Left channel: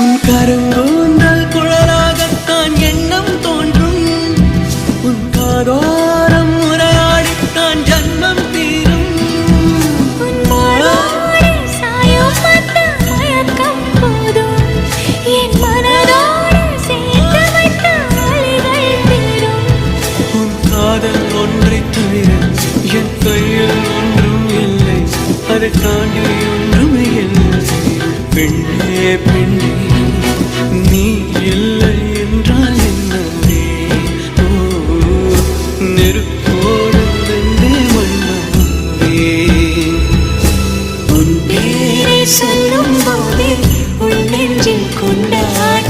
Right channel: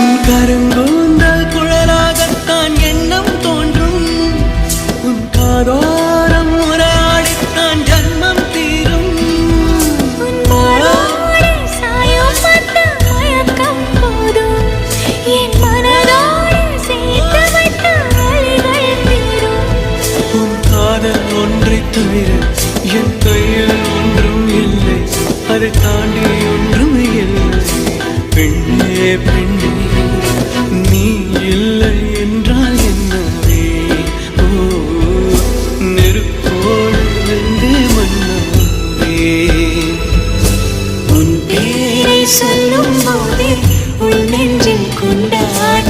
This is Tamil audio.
உன் கருங்கூந்தல் குழலாகத்தான் எண்ணம் தோன்றும். உன் காதோரம் உரையாடித்தான் ஜன்மம் தீரும். உன் மாறோடு சாயம் பார்த்த மயக்கம் போதும். என் மனதோடு சேர்த்து வைத்த வழிகள் தீரும். உன் காதல் ஒன்றை தவிர என் கையில் ஒன்றும் இல்லை. அதை தாண்டி ஒன்றும் இல்லை. பெண்ணே பெண்ணே நீ இல்லை என்றால் என்னவே? ஓ நெருப்போடு வெந்தே மண்ணாவே. உன் பேரை சொல்லும் போதே உன் நெஞ்சில் கொண்டாட